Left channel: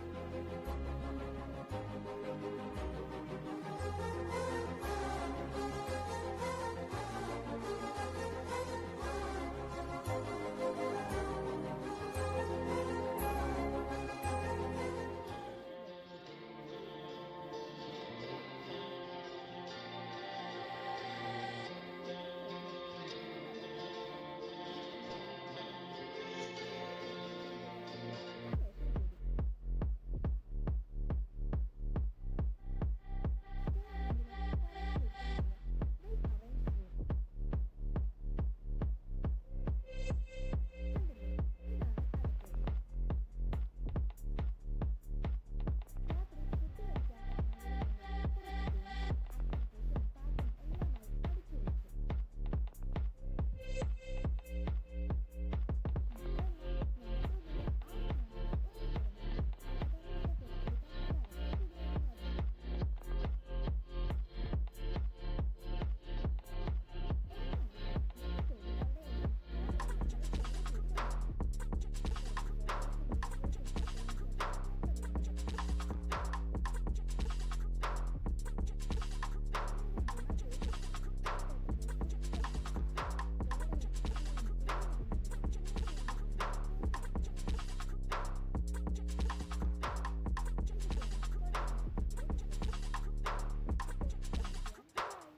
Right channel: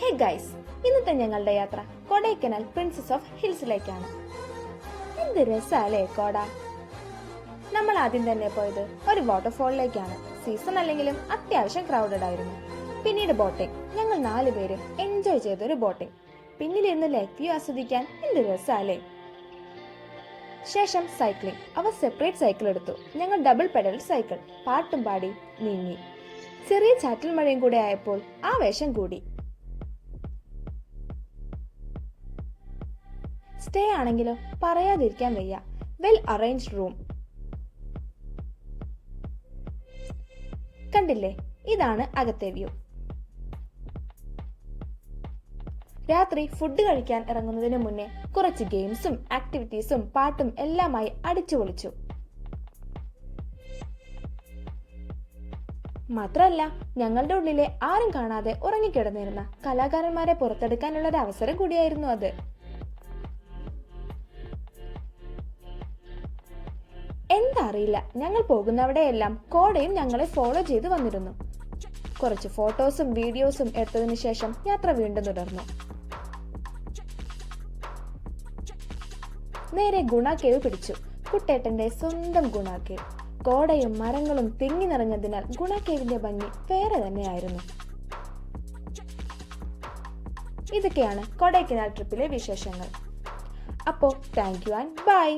Hey guys, ഇന്നത്തെ ഞങ്ങളുടെ യാത്ര കൊടൈക്കനാൽ പ്രിൻസസ് ഓഫ് ഹിൽസിലേക്കാണ്. എന്ത് രസാലേ കോട. നമ്മൾ ആദ്യം തന്നെ പോയത് ഒരു വാട്ടർഫോളിലേക്കാണ്. സീസൺ അല്ലെങ്കിലും അത്യാവശ്യം ക്രൗഡഡ് ആയിരുന്നു. പിന്നീട് ബോട്ടിംഗ്. ഞങ്ങൾ 4 പേരും എൻജോയ് ചെയ്തൊരു ബോട്ടിംഗ്. പിന്നീടിരുന്ന് ലേക്ക് വ്യൂ ആസ്വദിക്കാൻ എന്ത് രസാലേ. ശേഷം സൈക്ലിംഗ്. അവർ സെപ്പറേറ്റ് സൈക്കിൾ എടുത്തു. ഞങ്ങൾ ഡബിൾ പെഡൽ സൈക്കിൾ. പാട്ടും പാടി നീങ്ങി. ചെറിയ ചാറ്റൽ മഴയും കൂടെ ആയപ്പോൾ ആവേശം കൂടി. സ്റ്റേ ആണെങ്കിലോ പറയാതിരിക്കാൻ വയ്യ. Well arranged room. കണ്ടില്ലേ, ഇതാണ് അകത്തെ വ്യൂ. രാത്രി ഫുഡ് കഴിക്കാൻ ഇറങ്ങുന്നതിന് മുന്നേ കുറച്ച് ഗെയിംസും ആക്ടിവിറ്റീസും പാട്ടും എല്ലാമായി അടിച്ചു പൊളിച്ചു. മാത്രമല്ല, ഞങ്ങളുടെ ഉള്ളിലെ ആരും കാണാതെ ഉറങ്ങിക്കിടന്നിരുന്ന കലാകാരന്മാരെ പുറത്തെടുക്കാനുള്ള ഒരു അവസരം കൂടിയായിരുന്നു അത്. എന്താ അറിയില്ല, ഞങ്ങൾ പോകുന്നവിടെയെല്ലാം കോടയും ഞങ്ങളെ ഫോളോ ചെയ്ത് വന്നിരുന്നു. കുറച്ച് ഫോട്ടോസും വീഡിയോസും എടുത്തതിനു ശേഷം യാത്ര വീണ്ടും തുടർന്നു. നേരെ ഗുണ കേവ് പിടിച്ചു. കുട്ടേട്ടന്റെ സ്വന്തം ഗുണ കേവ്. കോടയും മരങ്ങളും തിങ്ങി നിറഞ്ഞതിനാൽ ഗുണ കേവിന്റെ ഭംഗി വേറെ തന്നെയായിരുന്നു. ഇതൊക്കെയാണ് കൊടൈക്കനാൽ ട്രിപ്പിലെ വിശേഷങ്ങൾ. അപ്പോ താങ്ക് യു ആൻഡ് ബൈ.